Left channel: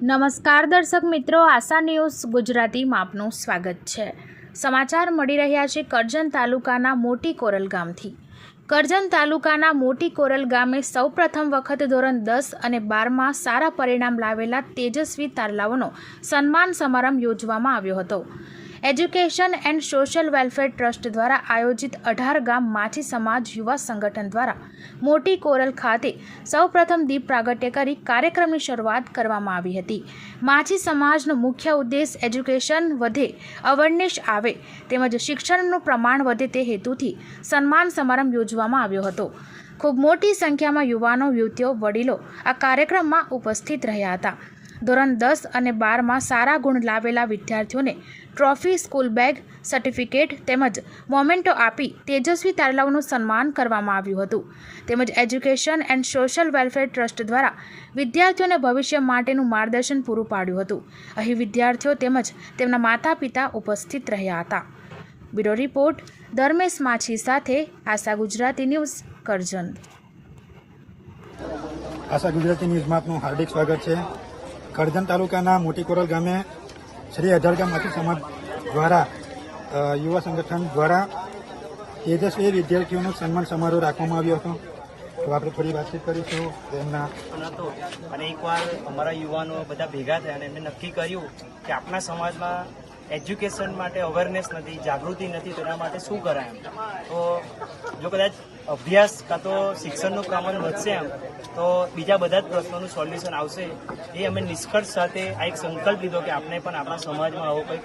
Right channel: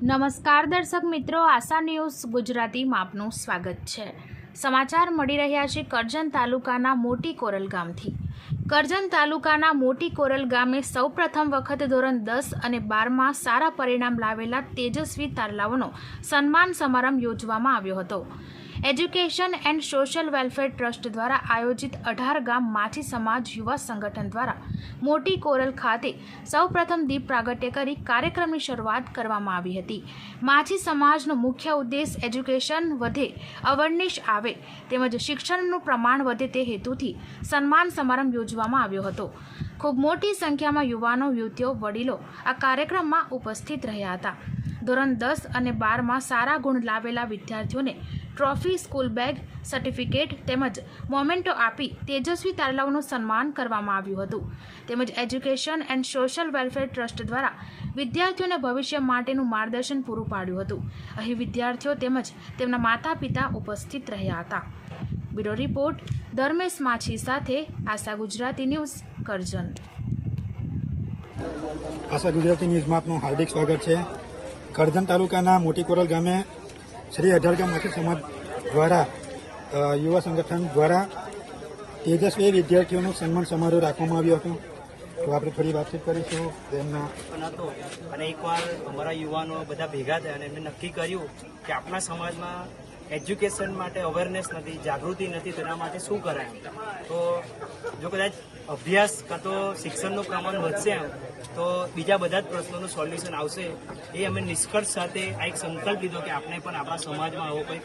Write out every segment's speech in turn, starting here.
નમસ્કાર દર્શક મિત્રો, આશા ન્યૂઝ ગુજરાતીમાં આપનું સ્વાગત છે। સમાચાર મળી રહ્યા છે કરજણ તાલુકાના મોટી કોરલ ગામથી। કરજણ તાલુકાના મોટી કોરલ ગામે સૌપ્રથમ વખત ધોરણ 10 અને 12માં સારા પરિણામ લાવેલા તેજસ્વી તારલાઓનો સન્માન સમારંભ યોજવામાં આવ્યો હતો। Education and social welfare trust દ્વારા આયોજિત 18 ગામ માછી સમાજ યુવા સંગઠન દ્વારા મોટી કોરલ ખાતે સૌપ્રથમ દીપ પ્રાગટ્ય કરી કાર્યક્રમની શરૂઆત કરવામાં આવી હતી। માછી સમાજનો મુખ્ય ઉદ્દેશ એજ્યુકેશન વધે, અવેરનેસ આવે તેમજ શિક્ષણનું પ્રમાણ વધે તે હેતુથી સન્માન સમારંભ યોજવામાં આવ્યો હતો। ખૂબ મોટી સંખ્યામાં યુવાનો, યુવતીઓ, વડીલો આ કાર્યક્રમમાં ઉપસ્થિત રહ્યા હતા। ધોરણ 10 અને 12માં સારા ગુણ લાવેલા વિદ્યાર્થીઓને ટ્રોફી, સ્કૂલ બેગ, સર્ટિફિકેટ તેમજ મોમેન્ટો આપી તેજસ્વી તારલાઓનું સન્માન કરવામાં આવ્યું હતું। તેમજ education and social welfare trust દ્વારા વિદ્યાર્થીઓને ભવિષ્ય માટેનું માર્ગદર્શન પૂરું પાડ્યું હતું। અહીં વિદ્યાર્થીઓ તેમજ તેમના માતા પિતા ઉપસ્થિત રહ્યા હતા। બ્યુરો રિપોર્ટ ધર્મેશ માછી સાથે આશા ગુજરાતી ન્યૂઝ, કરજણ। આશા ગુજરાતી ન્યૂઝમાં આપનું હાર્દિક સ્વાગત છે। કરજણ તાલુકાના મોટી કોરલ ગામે શ્રી 18 ગામ માછી સમાજ દ્વારા યુવા સંગઠન દ્વારા તેજસ્વી વિદ્યાર્થીઓનો સન્માન સમારોહ રાખવામાં આવ્યો હતો। તો આપણે થોડી વાતચીત કરીશું એમના અને એકવાર અમારા યુવાનો બધા ભેગા થયા અને એમને નક્કી કર્યું કે આપણા સમાજમાં એજ્યુકેશન માટે અવેરનેસ નથી, જાગૃતિ નથી, તેના માટે શું કરાય એમ। તો જો કદાચ અભ્યાસ કાં તો શિક્ષણનું પ્રમાણ વધશે એમ તો બીજા બધા જ પ્રશ્નોનું સોલ્યુશન આવશે। એ અમે નિષ્કર્ષ સાથે આ એક સંકલ્પ લીધો કે આપણે પણ આપણા સમાજમાં આવો કંઈક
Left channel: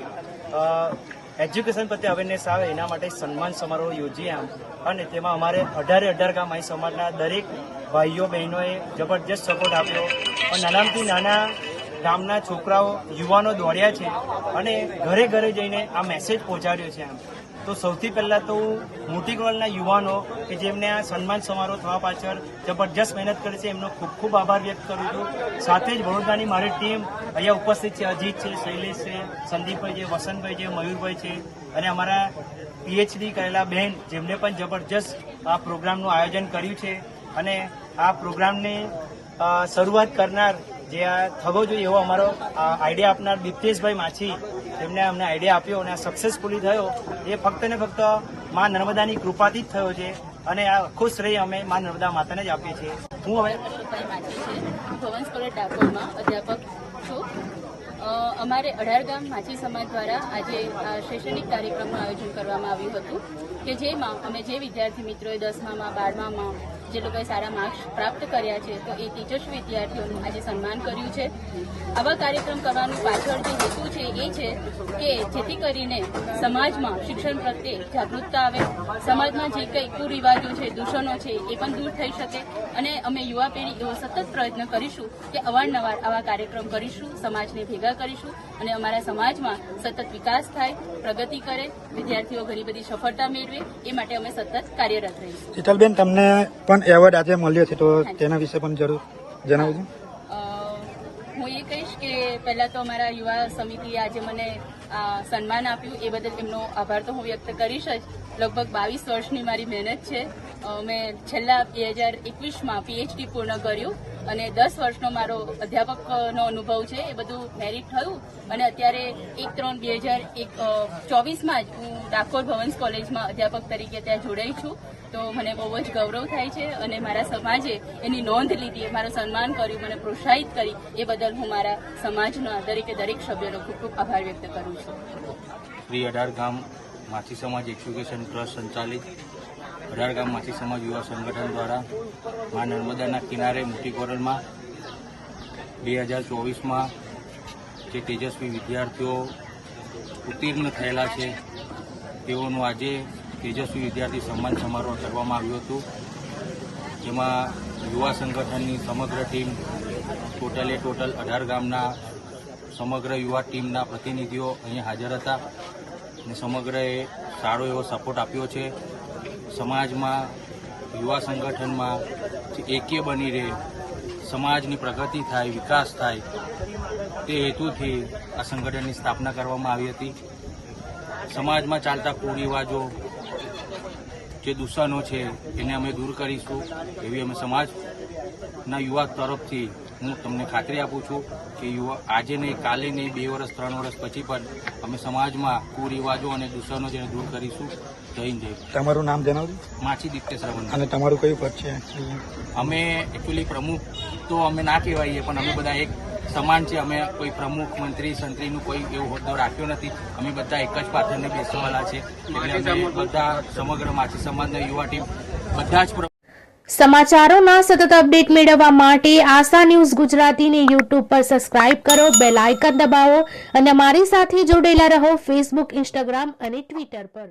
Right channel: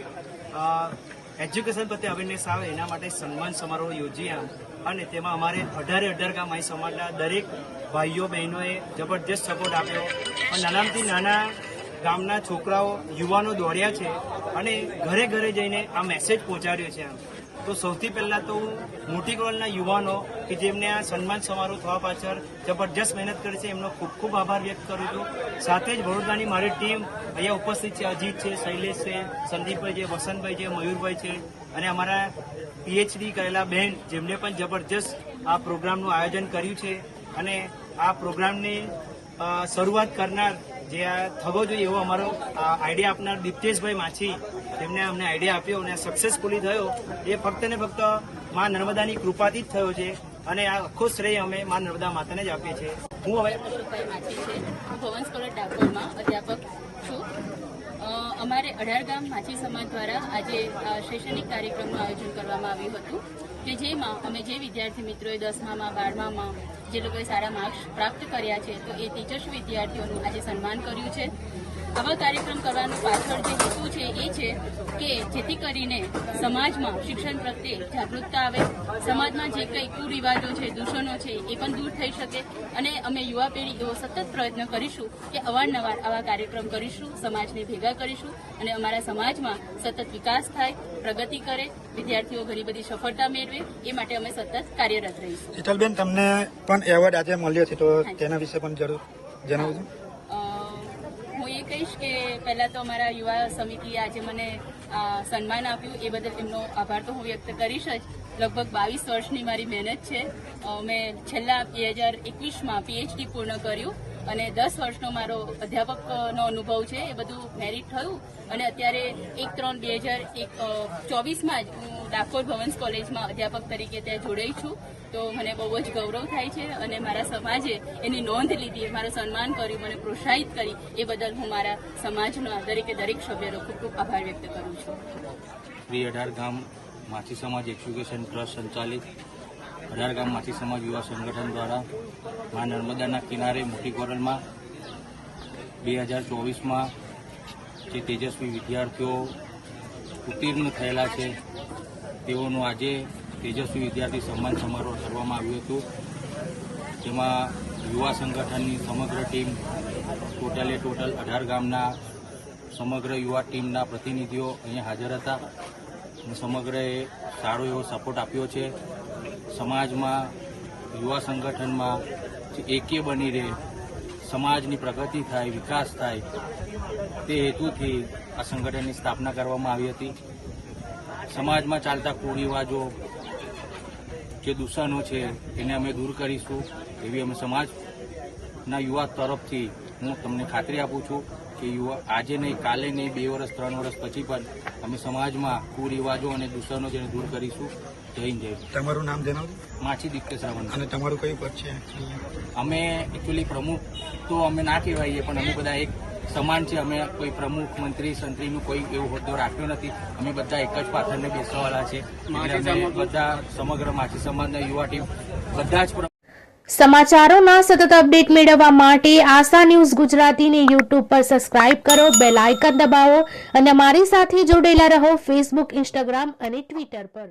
એજ્યુકેશન પ્રત્યે અવેરનેસ આવે એના માટે સન્માન સમારોહ યોજીએ આમ। અને તેમાં અમારે 18 ગામ માઈ સમાજના દરેક ભાઈઓ બહેનોએ જબરજસ્ત સપોર્ટ આપ્યો। અને નાનાથી નાના ગામના છોકરાઓ, યુવાનો દોડ્યા છે અને ઘરે ઘરે જઈને આ મેસેજ પહોંચાડ્યો છે આમ। તો સૌથી પહેલાં તો મોટી કોરલના યુવાનો કે જેમને આ સન્માન સમારોહ થવા પાછળ જબરજસ્ત મહેનત કરી છે એમનો ખૂબ ખૂબ આભાર વ્યક્ત કરું છું। સાથે જ વડોદરાની મારી ટીમ અહીંયા ઉપસ્થિત છે, અજીત છે, શૈલેષ છે, સંદીપભાઈ છે, વસંતભાઈ છે, મયુરભાઈ છે અને અમારા પીએચડી કરેલા બહેન જેમને પણ જબરજસ્ત આ પ્રોગ્રામનું આયોજન કર્યું છે। અને આ પ્રોગ્રામની શરૂઆત કરનાર જે આ થવો જોઈએ એવો અમારો આઈડિયા આપનાર દિપ્તેશભાઈ માછી, જેમને અમને આઈડિયા આપ્યો અને આ સક્સેસફુલી થયો એ ફક્ત ને ફક્ત મા નર્મદાની કૃપાથી જ થયો છે। અને આ આખો શ્રેય અમે મા નર્મદા માતાને જ આપીએ છીએ। હું હવે અશોકભાઈ માછી છે, હું ભવન્સ કોલેજ ડાકોરમાં અધ્યાપક છું। અમારે 18 ગામ માછી સમાજ દ્વારા આજે શૈક્ષણિક કાર્યક્રમનું આયોજન કરવામાં આવ્યું હતું કે જેમાં અમે જે વિદ્યાર્થી મિત્રોએ 10માં 12માં જે લોકોએ સારા માર્ક્સ પ્રાપ્ત કર્યા છે તો એ તેજસ્વી વિદ્યાર્થીઓનું આજે સન્માન કર્યું છે। આવા કાર્યક્રમ કરવાનું પાછળ જે હેતુ છે એ છે કે જેથી કરીને સમાજમાં શિક્ષણ પ્રત્યે જાગૃતતા આવે, સમાજમાં જે કંઈ કુરિવાજો છે, દૂષણો છે એ પણ દૂર થઈ શકે। અને અમે યુવા પેઢી એવો સતત પ્રયત્ન કરીશું કે અવારનવાર આવા કાર્યક્રમ કરીશું, સમાજને ભેગા કરીશું અને અમારા સમાજમાં સતત વિકાસ થાય, પ્રગતિ કરે, વિદ્યાર્થીઓ ઘણી બધી સફળતા મેળવે એ માટે અમે સતત કાર્યરત રહીશું। શીતલબેન, તમને પણ એવોર્ડ આજે મળ્યો છે તો તેના વિશે પણ જરૂર જણાવજો। હું એ કહીશ કે પહેલાં તો અમારા યુવા સમિતિએ આજે મને સન્માન આપ્યું એ બદલ એમનો આભાર તો હું વ્યક્ત કરીશ જ। લગભગ 22 વર્ષની મારી મહેનત છે। મેં છેલ્લા 2021માં પીએચડી પૂર્ણ કર્યું અને 10 વર્ષનો મારો અધ્યાપકનો અનુભવ છે, એ બધું મેરિટ થયું અને અત્યારે 1/3/2024માં જ હું ડાકોર ભવન્સ કોલેજમાં અધ્યાપક તરીકે ત્યાં જોડાઈ છું। તો મને બહુ જ ગૌરવ થાય છે અને મારા સમાજે એની નોંધ લીધી, મારું સન્માન કર્યું, મને પ્રોત્સાહિત કરી એ બદલ હું મારા સમાજના દરેક સભ્યોનો ખૂબ ખૂબ આભાર વ્યક્ત કરું છું। શ્રી 18 ગામ માછી સમાજ એજ્યુકેશન ટ્રસ્ટ સંચાલિત 18 ગામ માછી સમાજ યુવા સંગઠન દ્વારા મા નર્મદાના કિનારે મોટી કોરલમાં 2024માં જે તેજસ્વી વિદ્યાર્થીઓ ઉત્તીર્ણ થયેલા છે તેઓનું આજે તેજસ્વી વિદ્યાર્થી સન્માન સમારોહ કરવામાં આવ્યું હતું, જેમાં યુવા સંગઠનની સમગ્ર ટીમ ટોટલ 18 ગામના સમગ્ર યુવા ટીમના પ્રતિનિધિઓ અહીંયા હાજર હતા અને સમગ્રએ સારો એવો સપોર્ટ આપ્યો છે। સમાજમાં, યુવા સંગઠનમાં એક્ય બની રહે, સમાજની પ્રગતિ થાય, વિકાસ થાય તે હેતુથી આ સંગઠનની સ્થાપના કરવામાં આવી હતી। સમાજમાં ચાલતા કુરિવાજો, જે દૂષણો છે એને અમે દૂર કરીશું એવી અમે સમાજના યુવા તરફથી હું તમને ખાતરી આપું છું। કે આજે નહીં, કાલે નહીં, 2 વર્ષ 3 વર્ષ પછી પણ અમે સમાજમાં કુરિવાજો અને દૂષણો જેને દૂર કરીશું. જય હિન્દ, જય ભારત. તમારું નામ જણાવજો. માછી દિત્ય શ્રવણ. અને તમારું કયું પદ છે? અમે એકચ્યુઅલી પ્રમુખ તો અમે ના કહેવાઈએ, પણ અમે બધા એક સમાન છે. અમે કોઈ પ્રમુખ, મંત્રી, સંત્રીનું કોઈ એવું હોદ્દો રાખ્યો નથી. અમે બધા એક જ પાથરને બેસવાવાળા છે. એટલે અમે બધા સમગ્ર માછી સમાજના યુવા ટીમ બધા જ સમાચારોના સતત અપડેટ મેળવવા માટે આશા ન્યૂઝ ગુજરાતીને યુટ્યુબ પર સબસ્ક્રાઇબ કરો, બેલ આઇકન દબાવો અને અમારી સાથે જોડાયેલા રહો ફેસબુક, ઇન્સ્ટાગ્રામ અને ટ્વિટર પર.